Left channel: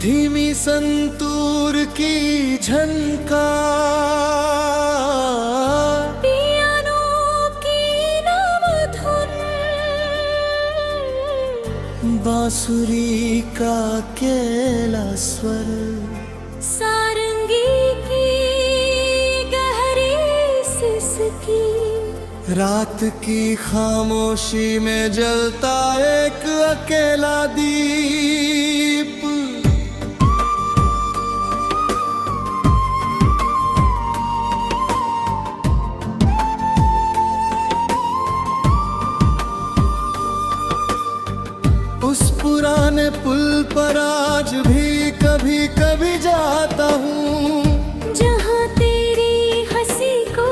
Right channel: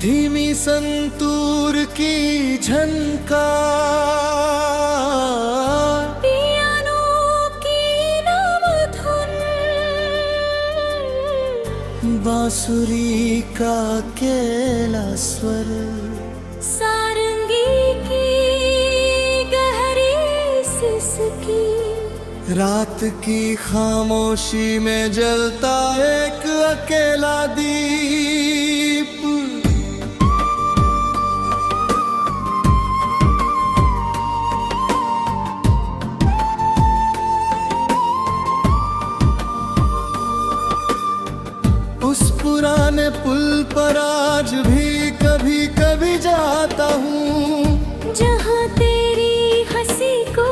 धीमी संतूर की झनकार, पियानो की नम धुन, बांसुरी का अकेला स्वर, सारंगी की गहरी सिसकी, रात की खामोशी में जलता एक अकेला दीप। उस पुराने पुल पर आज भी कभी कभी जाता हूँ, जहाँ तेरी हंसी को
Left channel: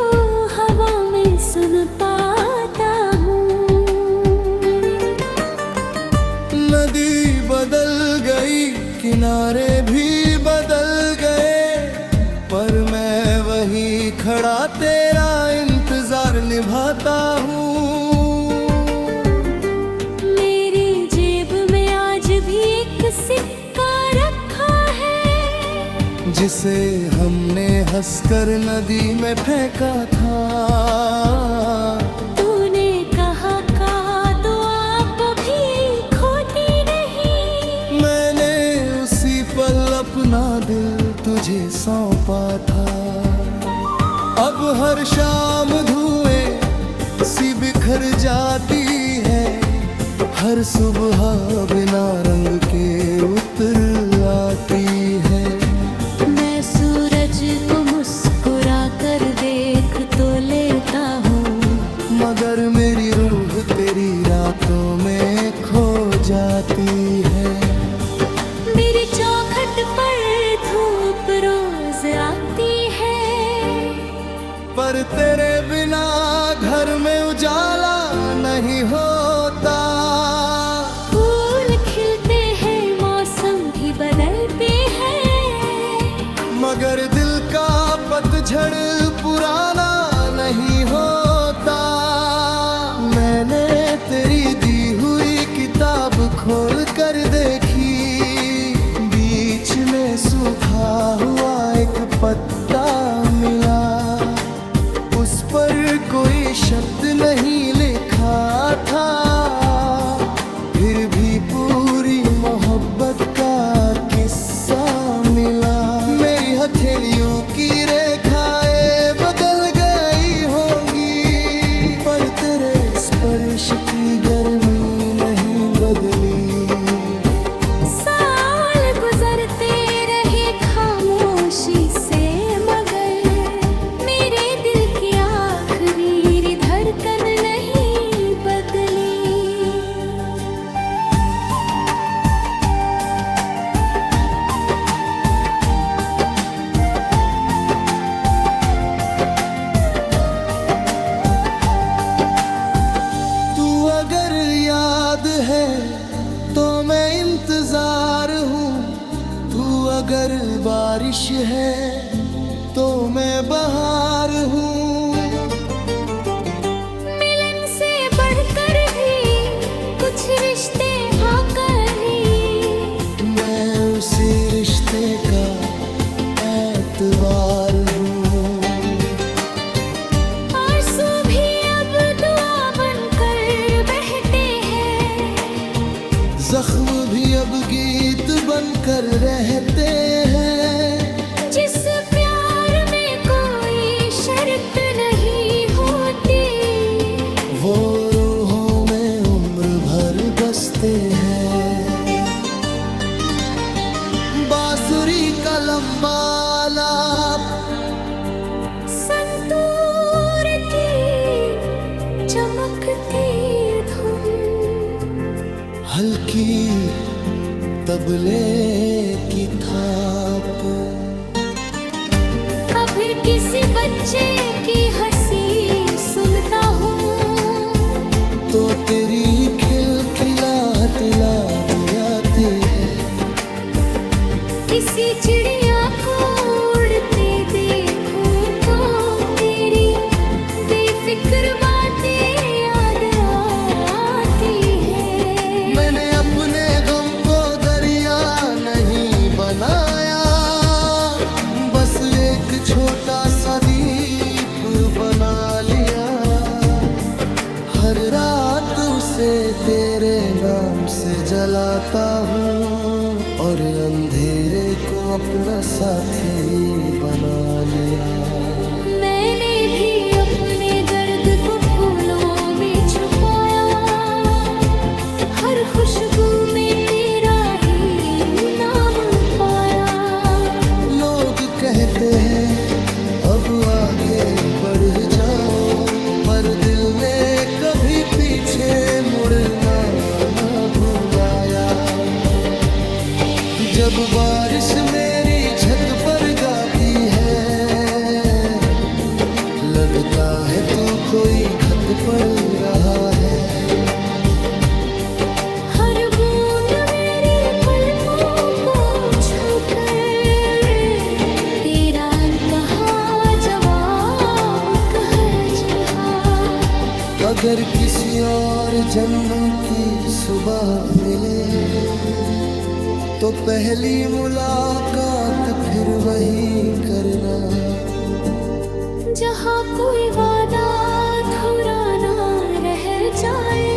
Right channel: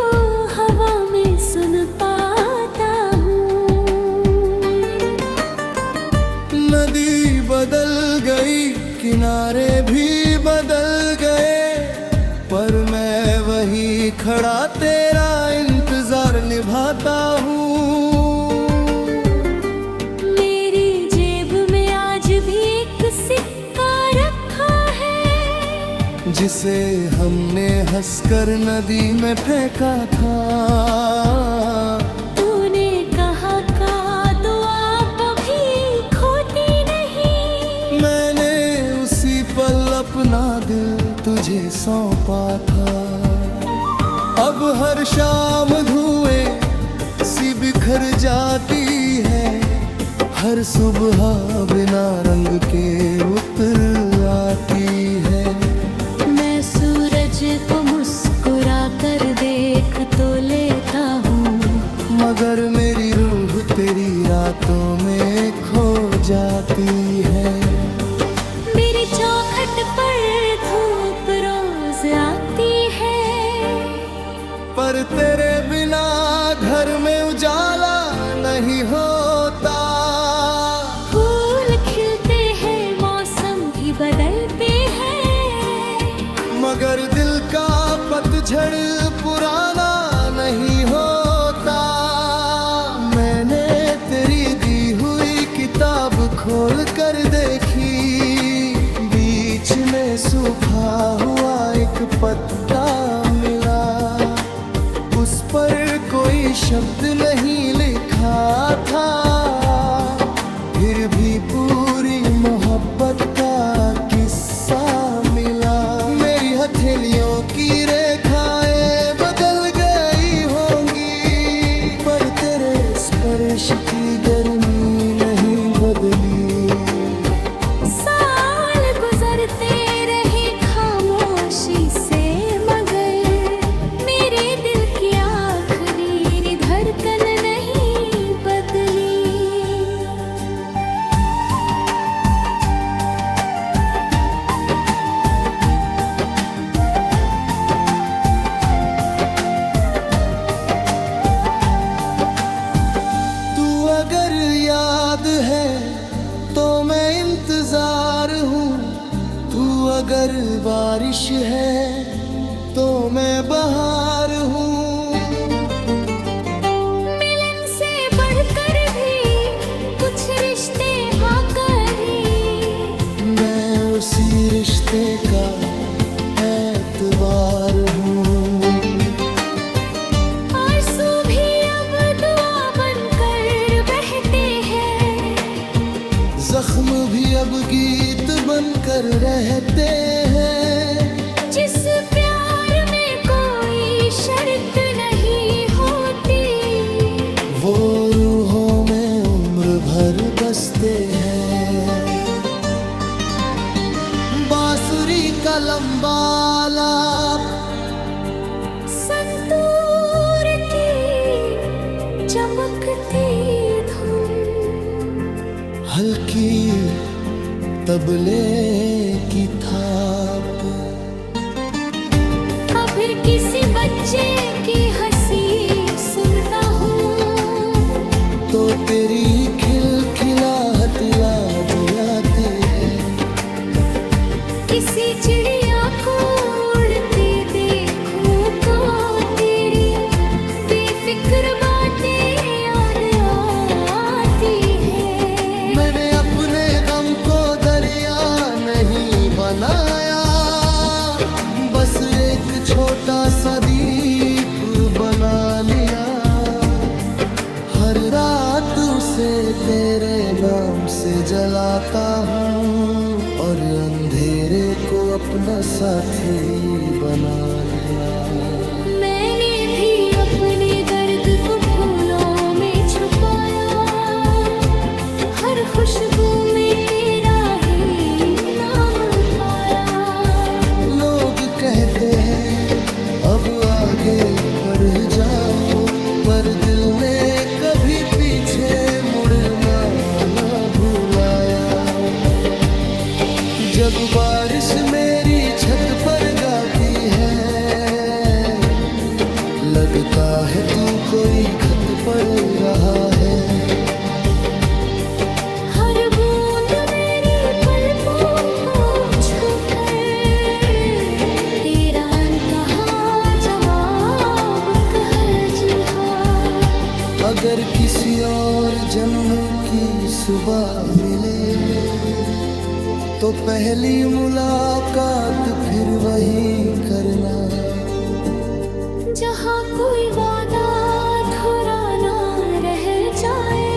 हवा में सुन पाता हूँ। नदी बदल गई, किनारे भी बदल गए, पर मैं वही खड़ा तेरा इंतजार निभाता हूँ। सिक्का रखा है, जिसे हमने हंसकर नदी में फेंका था। तूने कहा का दुआ भी खोती नहीं, मैंने उसी पल अपना दिल तुझे सौंपा था। अब हर शाम धुएं सी बिखर जाती है, हर सुबह बिना रंग के उतर आती है। मैं सूरज को मुस्कुरा कर देख तो लेता हूँ, मगर मेरी रूह तेरी रातों में खो जाती है। मेरी चौखट पर धूप रोज आती है, पर तेरे बिना घर में उजाला नहीं होता। फूल खिलते हैं, मौसम भी बदलते हैं, मगर दिल का पतझड़ पुराना नहीं होता। मैंने तेरी दी हुई किताब खोल कर देखी, बीच में सूखा हुआ एक पत्ता मिला, उस पर कोई शब्द नहीं लिखा था, फिर भी पूरी मोहब्बत का किस्सा मिला। मेरी हथेलियों की रेखाएं बदल गई होंगी, पर तेरे स्पर्श की गर्मी नहीं बदली। साल गुजरते रहे खामोशी से, मगर मेरे दिल की आखिरी धड़कन नहीं बदली। तू अगर याद है तो मैं इंतजार हूँ, तू अगर बारिश है तो मैं बहार हूँ। मिलन से बढ़कर भी कुछ रिश्ते आकर ही, मैं उसी रिश्ते का एतबार हूँ। आंसू भी अब दुआ बनकर बहते हैं, जख्म भी अब गीत बनकर रहते हैं। जिस प्यार में कोई शर्त नहीं होती, वो रूहों में उम्र भर बसते हैं। बांसुरी का लंबा लाप, संतूर की चमकती धुन, हल्की तबले की थाप, फिर किसी बच्चे की हंसी सुनता हूँ, तो तेरी खिलखिलाहट याद आती है। किसी चिड़िया को उड़ते देखूं तो तेरी बेफिक्र बातें याद आती है। मैंने अपने गम को दरिया नहीं छोटा सा दीप बना लिया। हर रात उसे तेरे नाम से जलाता हूँ और अंधेरे को अपना साथी बना लिया। मैंने भी अपने दर्द को फूलों में छुपाया, हर खुशबू में तेरा ही नाम पाया। लोग कहते हैं अब आगे बढ़ जाओ, पर दिल ने कभी पीछे मुड़ना ना भुलाया। जब बारिश मेरी छत पर गाती है, लगता है तू कोई खत पढ़ रहा है। हर बूंद मेरी पलकों को छूकर तेरा अनकहा जवाब कह रहा। अगर किसी और जन्म की सुबह मिले तो पहली मुलाकात फिर वही करना। जहाँ कोई वादा अधूरा ना रह जाए,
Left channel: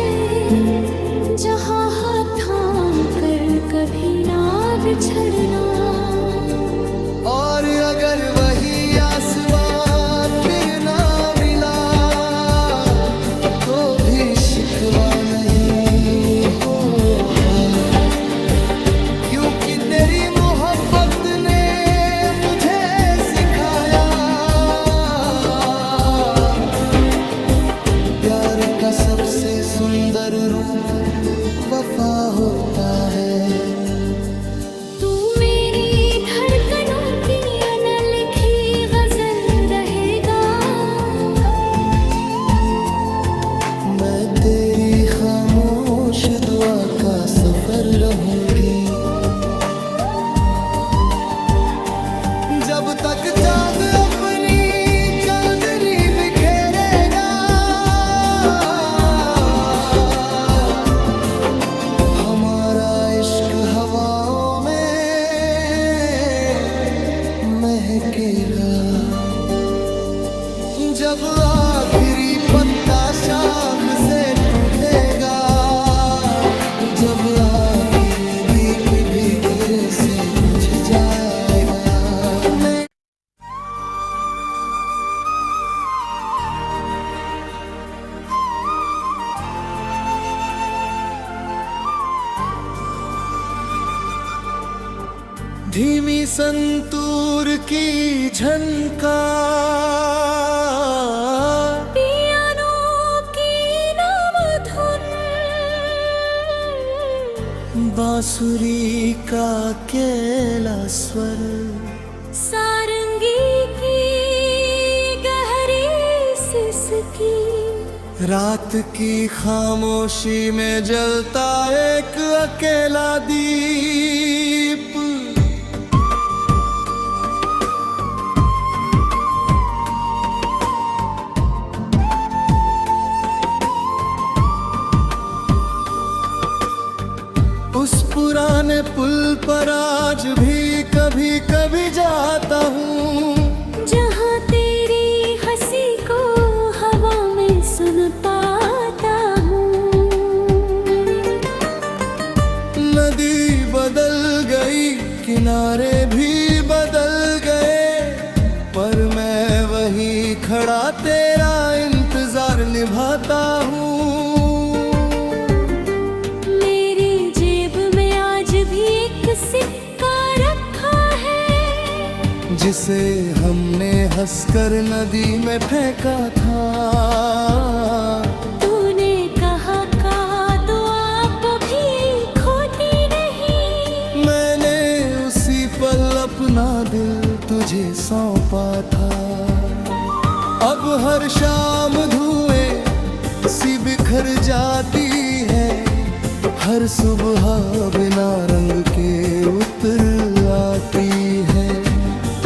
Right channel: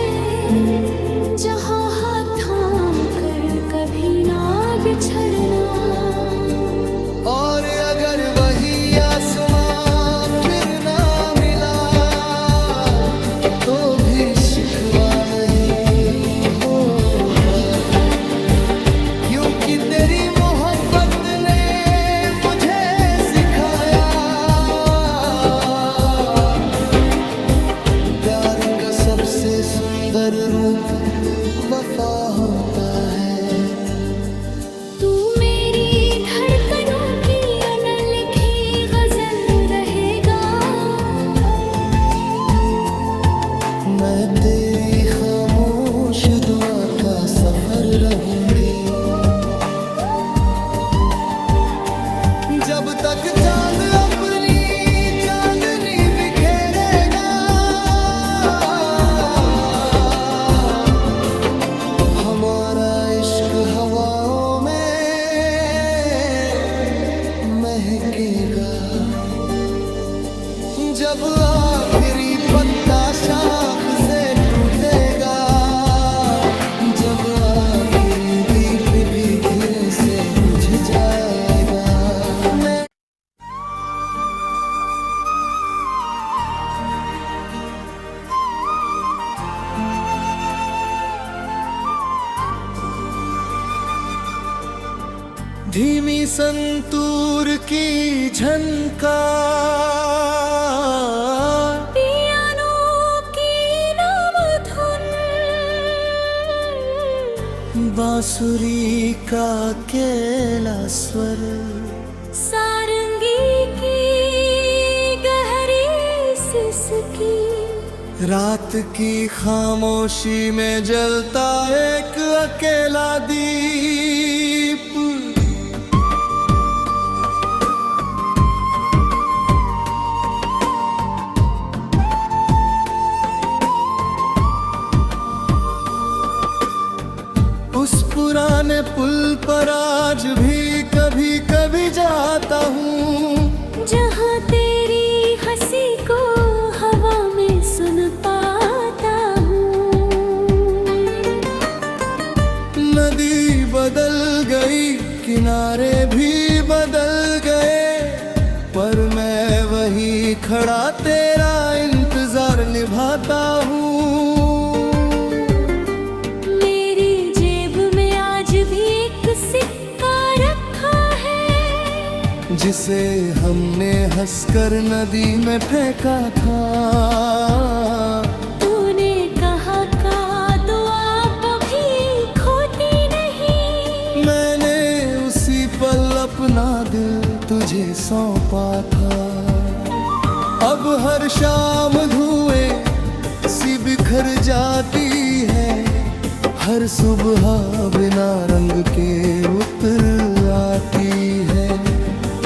जहाँ हाथ थाम कर कभी ना बिछड़ना। और अगर वही आसमां फिर ना मिला तो भी शिकवा नहीं होगा, क्योंकि तेरी मोहब्बत ने मुझे सिखाया प्यार का सबसे सुंदर रूप वफा होता है। तू मेरी धड़कनों की अनलिखी गजल रहेगा, मैं तेरी खामोश दुआ का सफर रहूंगी। जब तक चांद अपनी चांदनी बिखेरेगा, हमारा इश्क हवाओं में महकेगा। जब आखिरी पत्ता शाख से टूटेगा, जब आखिरी दीप भी धीरे से बुझ जाएगा, मैं धीमी संतूर की झनकार, पियानो की नवधुन, बांसुरी का अकेला स्वर, सारंगी की गहरी सिसकी, रात की खामोशी में जलता एक अकेला दीप। उस पुराने पुल पर आज भी कभी कभी जाता हूँ, जहाँ तेरी हंसी को हवा में सुन पाता हूँ। नदी बदल गई, किनारे भी बदल गए, पर मैं वही खड़ा तेरा इंतजार निभाता हूँ। सिक्का रखा है, जिसे हमने हंसकर नदी में फेंका था। तूने कहा का दुआ भी खोती नहीं, मैंने उसी पल अपना दिल तुझे सौंपा था। अब हर शाम धुएं सी बिखर जाती है, हर सुबह बिना रंग के उतर आती है।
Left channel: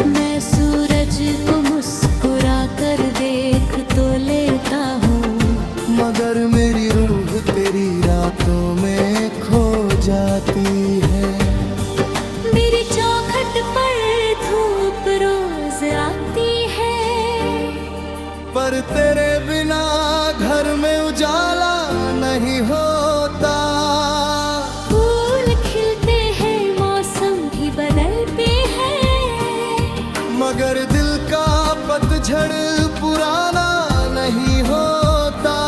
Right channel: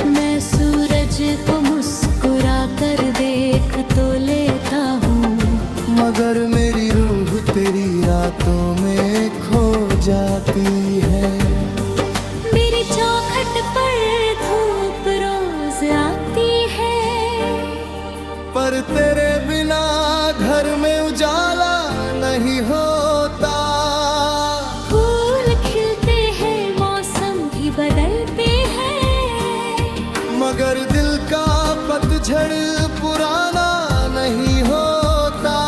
मैं सूरज को मुस्कुरा कर देख तो लेता हूँ, मगर मेरी रूह तेरी रातों में खो जाती है। मेरी चौखट पर धूप रोज आती पर तेरे बिना घर में उजाला नहीं होता। फूल खिलते हैं, मौसम भी बदलते हैं, मगर दिल का पतझड़ पुराना नहीं होता।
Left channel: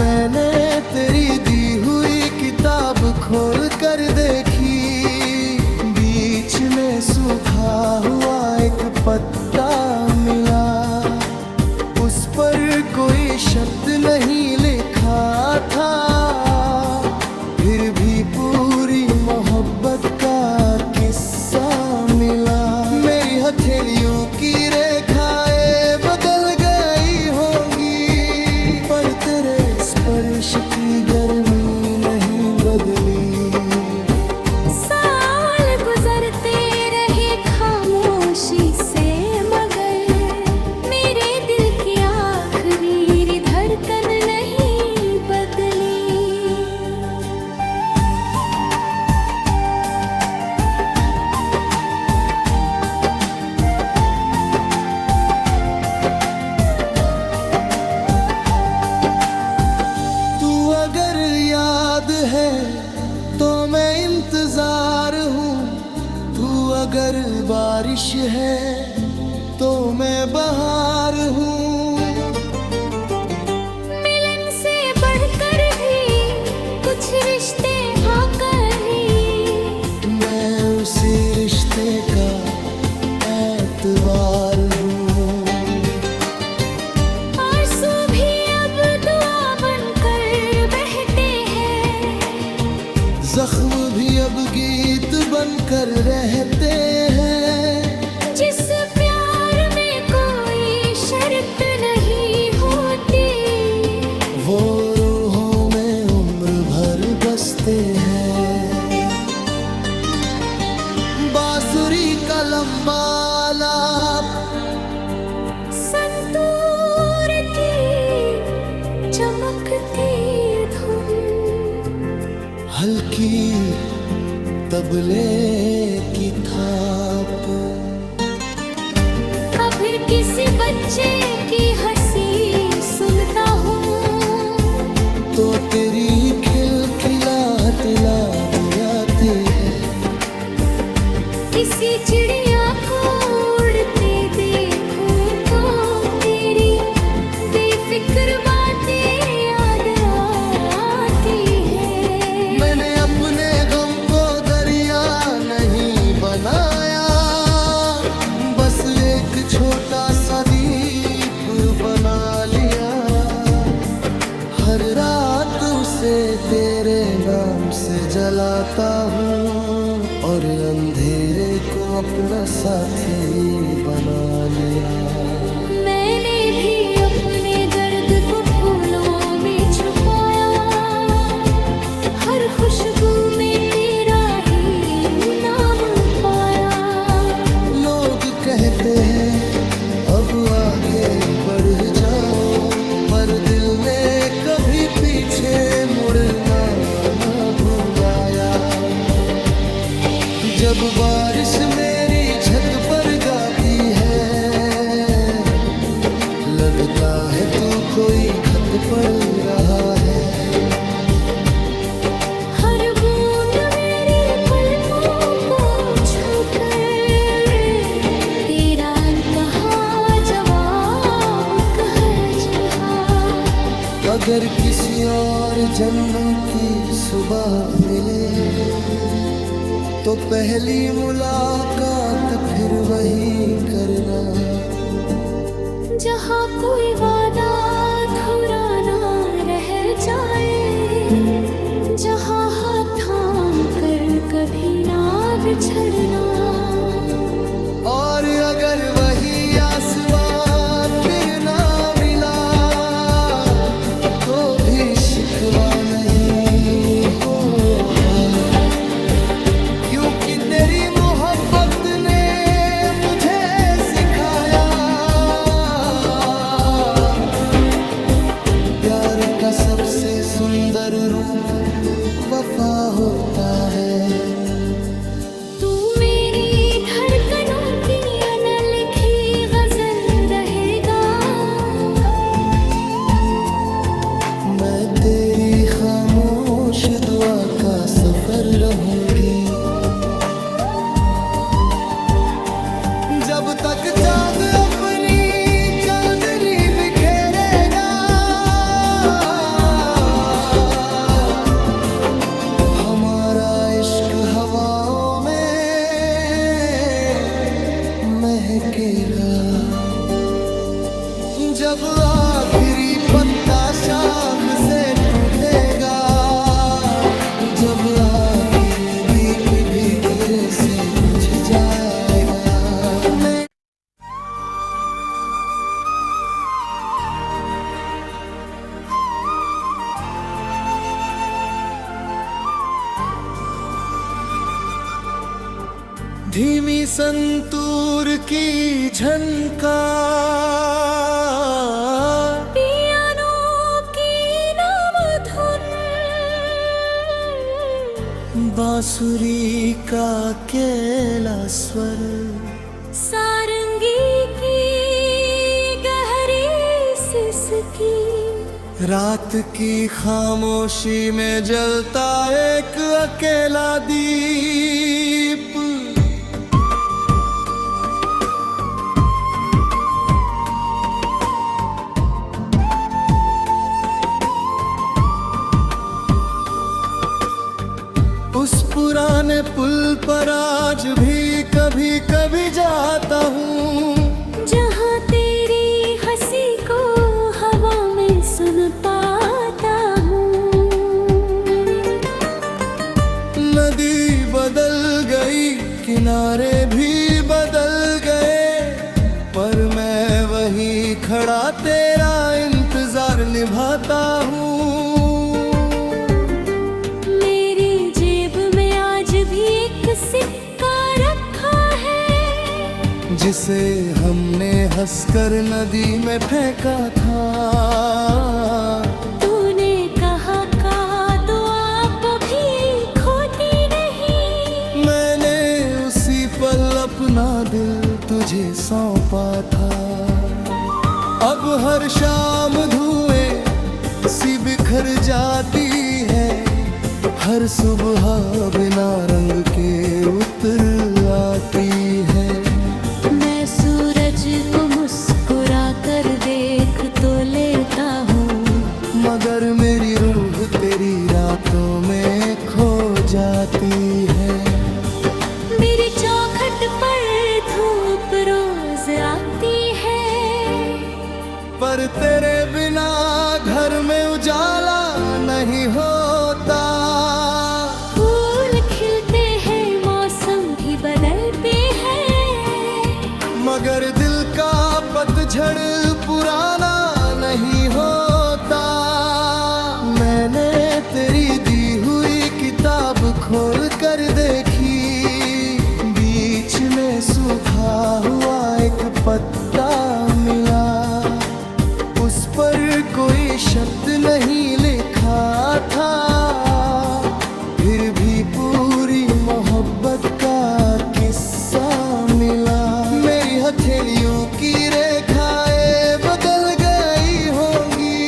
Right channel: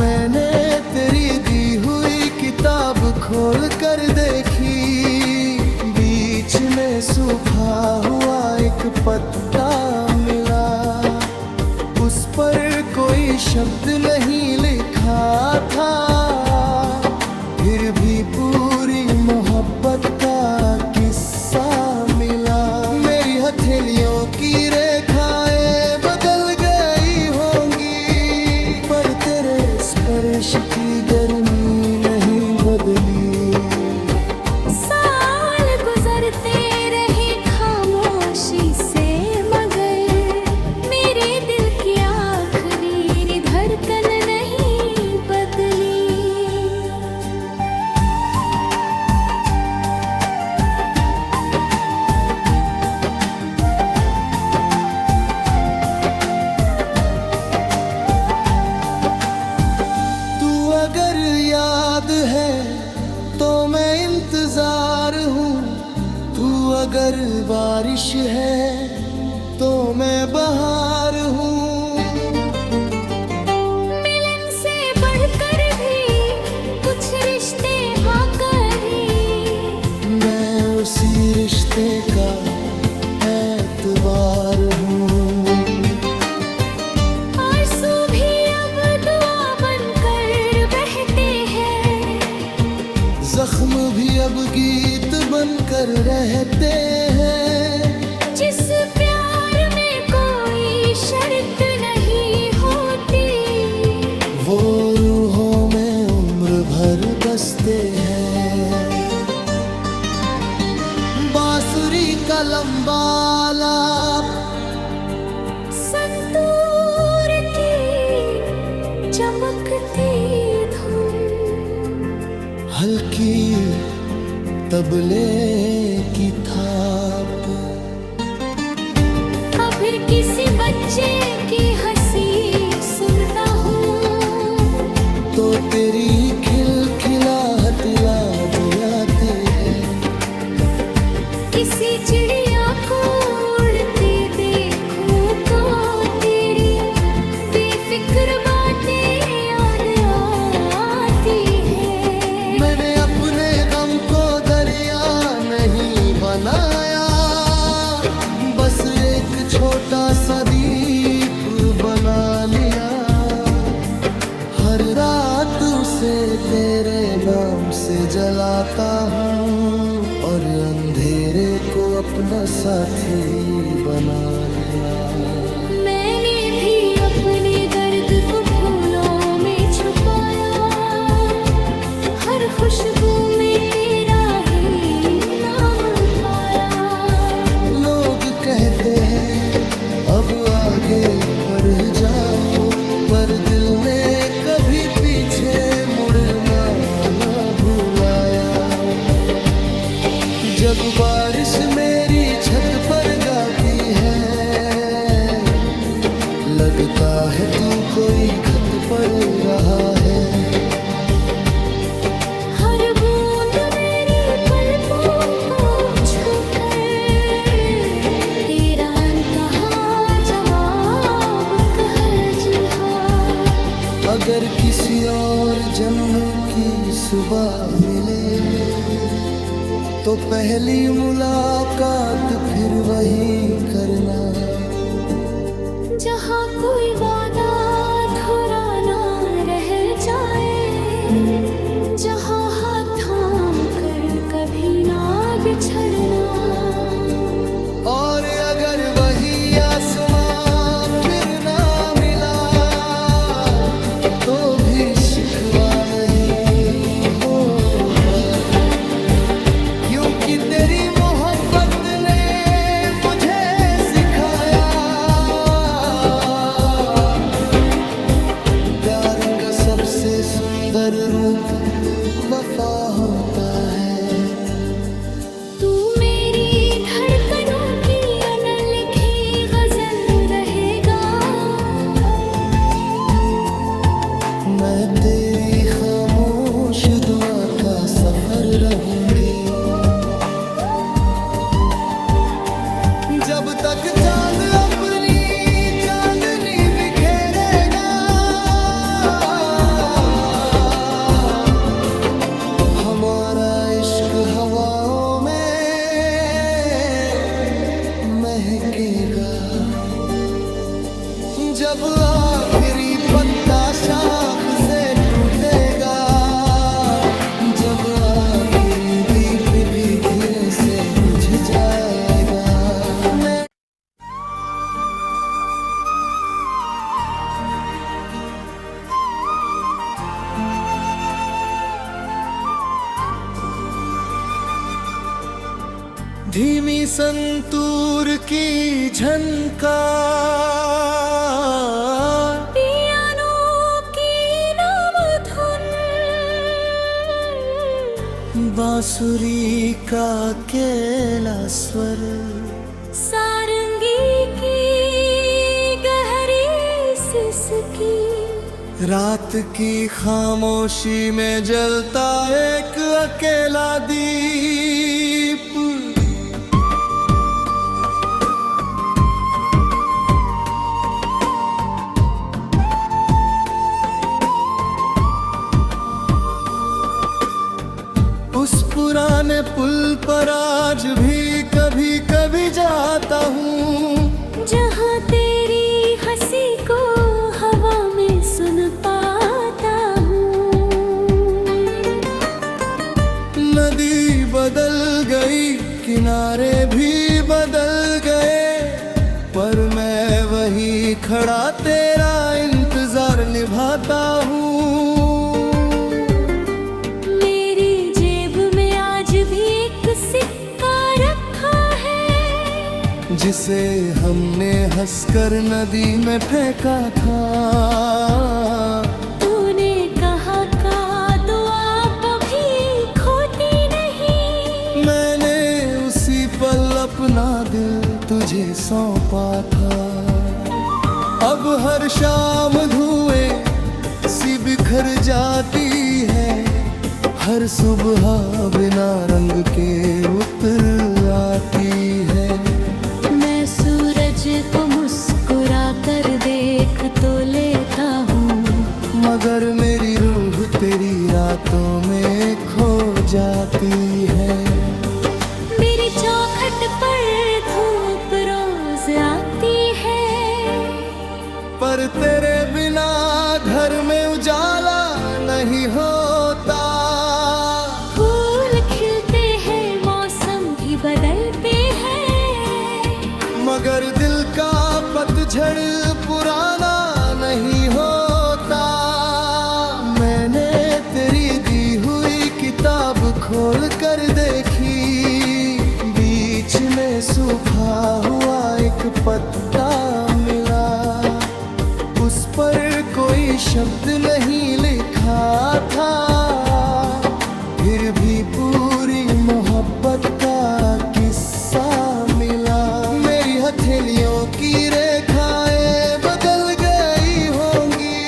मैंने तेरी दी हुई किताब खोल कर देखी, बीच में सूखा हुआ एक पत्ता मिला। उस पर कोई शब्द नहीं लिखा था, फिर भी पूरी मोहब्बत का किस्सा मिला। मेरी हथेलियों की रेखाएं बदल गई होंगी, पर तेरे स्पर्श की गर्मी नहीं बदली। साल गुजरते रहे खामोशी से, मगर मेरे दिल की आखिरी धड़कन नहीं बदली। तू अगर याद है तो मैं इंतजार हूँ, तू अगर बारिश है तो मैं बहार हूँ। मिलन से बढ़कर भी कुछ रिश्ते आकर ही, मैं उसी रिश्ते का एतबार हूँ। आंसू भी अब दुआ बनकर बहते हैं, जख्म भी अब गीत बनकर रहते हैं। जिस प्यार में कोई शर्त नहीं होती, वो रूहों में उम्र भर बसते हैं। बांसुरी का लंबा लाप, संतूर की चमकती धुन, हल्की तबले की थाप, फिर किसी बच्चे की हंसी सुनता हूँ, तो तेरी खिलखिलाहट याद आती है। किसी चिड़िया को उड़ते देखूं तो तेरी बेफिक्र बातें याद आती है। मैंने अपने गम को दरिया नहीं बनाया, बस एक छोटा सा दीप बना लिया। हर रात उसे तेरे नाम से जलाता हूँ, और अंधेरे को अपना साथी बना लिया। मैंने भी अपने दर्द को फूलों में छुपाया, हर खुशबू में तेरा ही नाम पाया। लोग कहते हैं अब आगे बढ़ जाओ, पर दिल ने कभी पीछे मुड़ना न भुलाया। जब बारिश मेरी छत पर गाती है, लगता है तू कोई खत पढ़ रहा है। हर बूंद मेरी पलकों को छूकर तेरा अनकहा जवाब कह रहा। अगर किसी और जन्म की सुबह मिले, तो पहली मुलाकात फिर वही करना। जहाँ कोई वादा अधूरा ना रह जाए, जहाँ हाथ थाम कर कभी ना बिछड़ना। और अगर वही आसमां फिर ना मिला, तो भी शिकवा नहीं होगा, क्योंकि तेरी मोहब्बत ने मुझे सिखाया, प्यार का सबसे सुंदर रूप वफा होता है। तू मेरी धड़कनों की अनलिखी गजल रहेगा, मैं तेरी खामोश दुआ का सफर रहूंगी। जब तक चांद अपनी चांदनी बिखेरेगा, हमारा इश्क हवाओं में महकेगा। जब आखिरी पत्ता शाख से टूटेगा, जब आखिरी दीप भी धीरे से बुझ जाएगा, मैं धीमी संतूर की झनकार, पियानो की नम धुन, बांसुरी का अकेला स्वर, सारंगी की गहरी सिसकी, रात की खामोशी में जलता एक अकेला दीप। उस पुराने पुल पर आज भी कभी कभी जाता हूँ, जहाँ तेरी हंसी को हवा में सुन पाता हूँ। नदी बदल गई, किनारे भी बदल गए, पर मैं वही खड़ा तेरा इंतजार निभाता हूँ। सिक्का रखा है, जिसे हमने हंसकर नदी में फेंका था। तूने कहा का दुआ भी खोती नहीं, मैंने उसी पल अपना दिल तुझे सौंपा था। अब हर शाम धुएं सी बिखर जाती है, हर सुबह बिना रंग के उतर आती है। मैं सूरज को मुस्कुरा कर देख तो लेता हूँ, मगर मेरी रूह तेरी रातों में खो जाती है। मेरी चौखट पर धूप रोज आती है, पर तेरे बिना घर में उजाला नहीं होता। फूल खिलते हैं, मौसम भी बदलते हैं, मगर दिल का पतझड़ पुराना नहीं होता। मैंने तेरी दी हुई किताब खोल कर देखी, बीच में सूखा हुआ एक पत्ता मिला, उस पर कोई शब्द नहीं लिखा था, फिर भी पूरी मोहब्बत का किस्सा मिला। मेरी हथेलियों की रेखाएं बदल गई होंगी,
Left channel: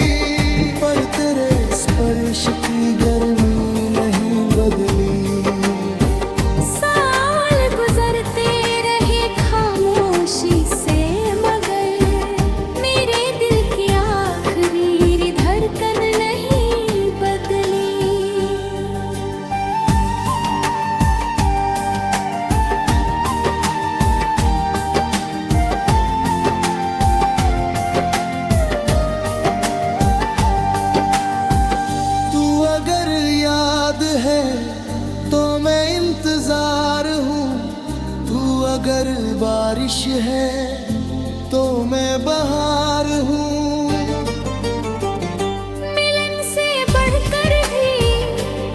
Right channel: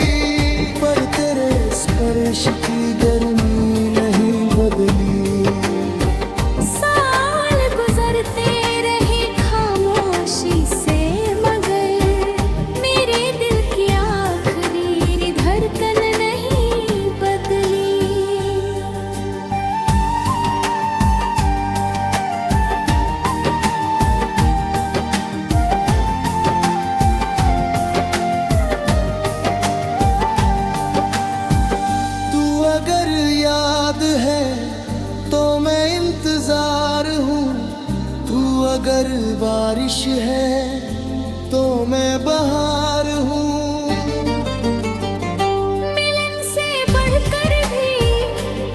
पर तेरे स्पर्श की गर्मी नहीं बदली। साल गुजरते रहे खामोशी से, मगर मेरे दिल की आखिरी धड़कन नहीं बदली। अगर याद है तो मैं इंतजार हूँ, तू अगर बारिश है तो मैं बहार हूँ। मिलन से बढ़कर भी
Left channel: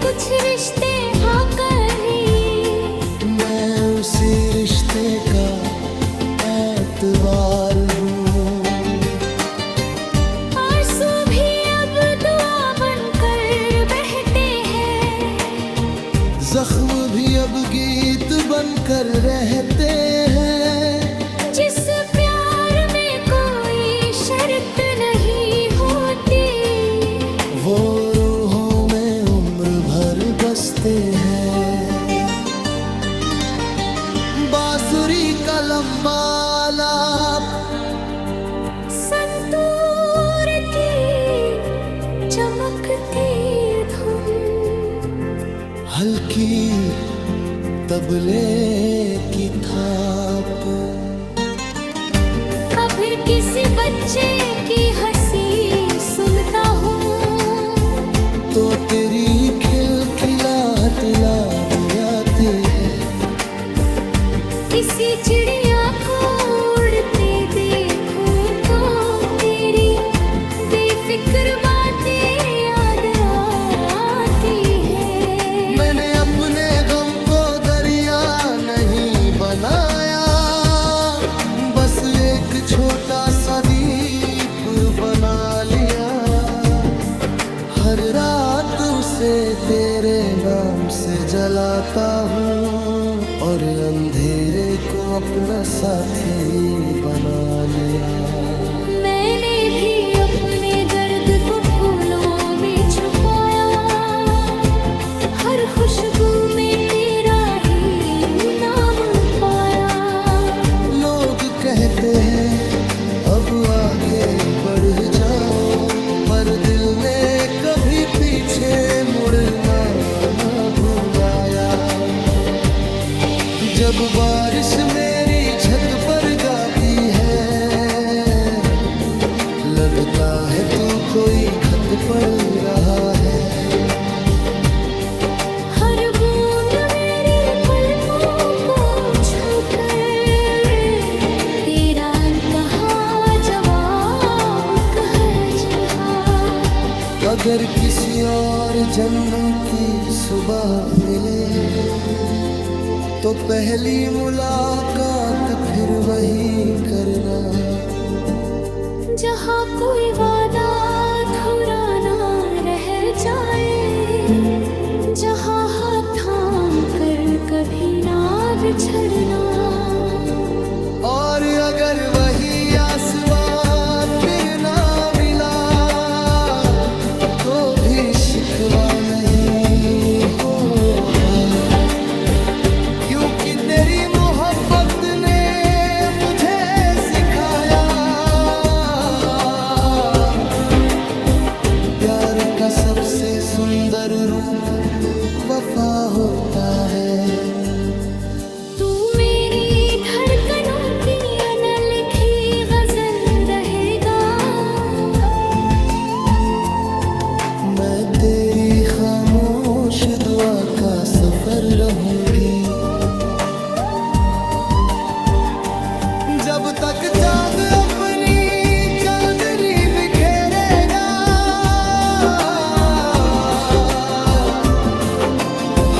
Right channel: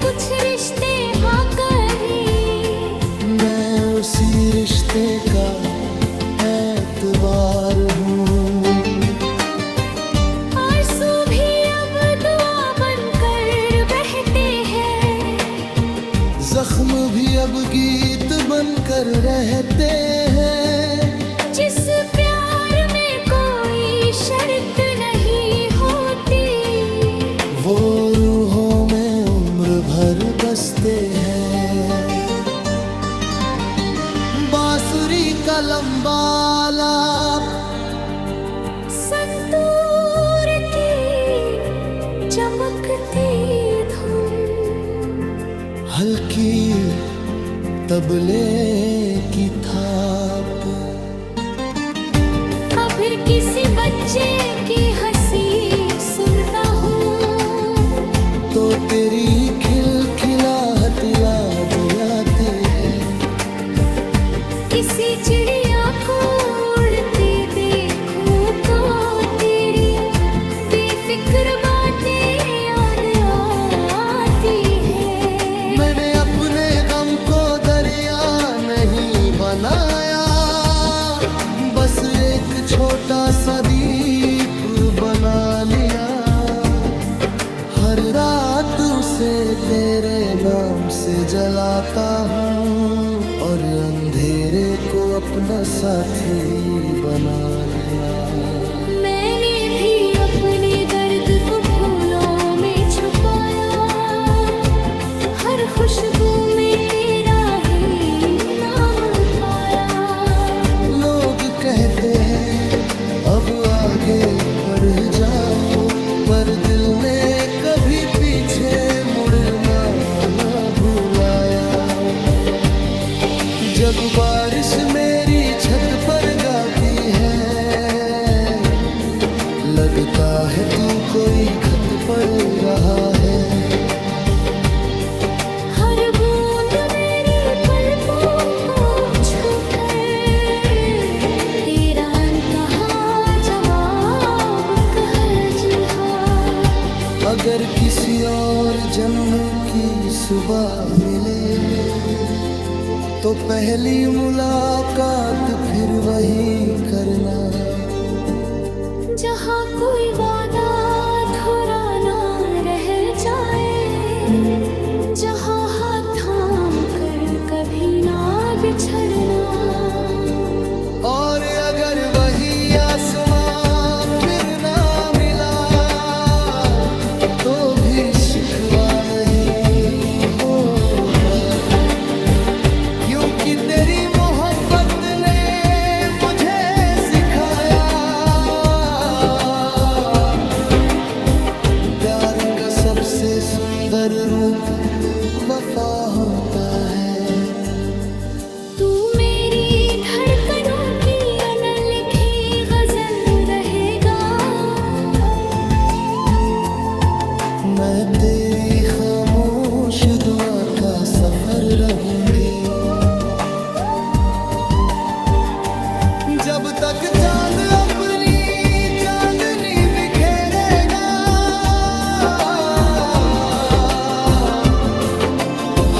कुछ रिश्ते आकर ही, मैं उसी रिश्ते का एतबार हूँ। जख्म भी अब गीत बनकर रहते हैं, जिस प्यार में कोई शर्त नहीं होती, वो बसते हैं। बांसुरी का लंबा लाप, संतूर की चमकती धुन, हल्की तबले की थाप, फिर किसी बच्चे की हंसी सुनता हूँ तो तेरी खिलखिलाहट याद आती है। किसी चिड़िया को उड़ते देखूं तो तेरी बेफिक्र बातें याद आती है। मैंने अपने गम को दरिया नहीं बनाया, बस एक छोटा सा दीप बना लिया। हर रात उसे तेरे नाम से जलाता हूँ और अंधेरे को अपना साथी बना लिया। मैंने भी अपने दर्द को फूलों में छुपाया, हर खुशबू में तेरा ही नाम पाया। लोग कहते हैं अब आगे बढ़ जाओ, पर दिल ने कभी पीछे मुड़ना ना भुलाया। जब बारिश मेरी छत पर गाती है, लगता है तू कोई खत पढ़ रहा है। हर बूंद मेरी पलकों को छूकर तेरा अनकहा जवाब कह रहा। अगर किसी और जन्म की सुबह मिले तो पहली मुलाकात फिर वही करना। जहाँ कोई वादा अधूरा ना रह जाए, जहाँ हाथ थाम कर कभी ना बिछड़ना। और अगर वही आसमां फिर ना मिला तो भी शिकवा नहीं होगा, क्योंकि तेरी मोहब्बत ने मुझे सिखाया प्यार का सबसे सुंदर रूप वफा होता है। तू मेरी धड़कनों की अनलिखी गजल रहेगा, मैं तेरी खामोश दुआ का सफर रहूंगी। जब तक चांद अपनी चांदनी बिखेरेगा,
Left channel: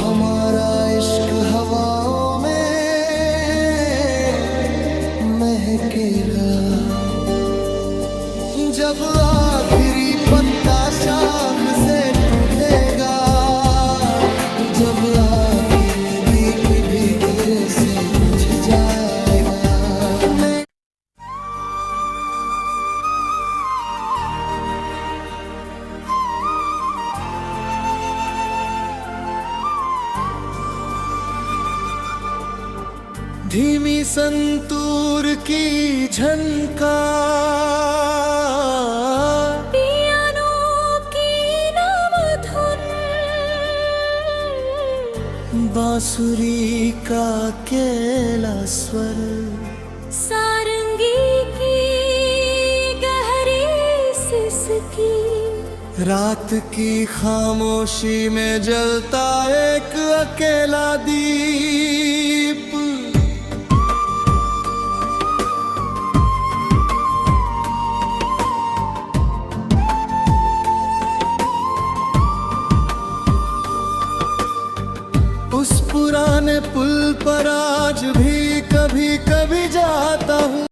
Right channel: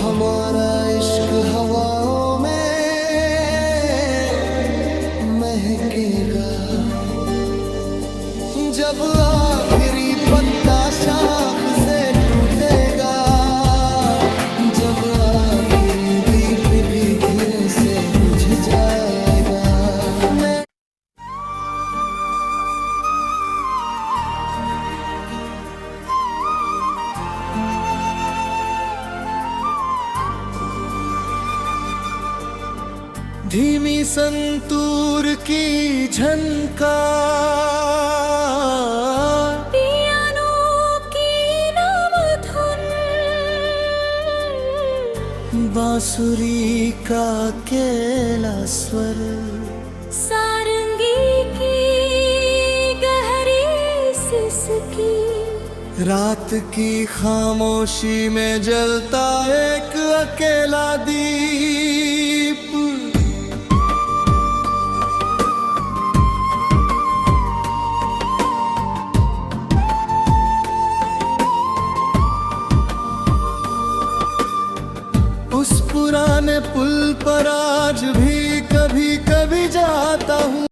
हमारा इश्क हवाओं में महकेगा। जब आखिरी पत्ता शाख से टूटेगा, जब आखिरी दीप भी धीरे से बुझ जाएगा, मैं धीमी संतूर की झनकार, पियानो की नम धुन, बांसुरी का अकेला स्वर, सारंगी की गहरी सिसकी, रात की खामोशी में जलता एक अकेला दीप। उस पुराने पुल पर आज भी कभी कभी जाता हूँ।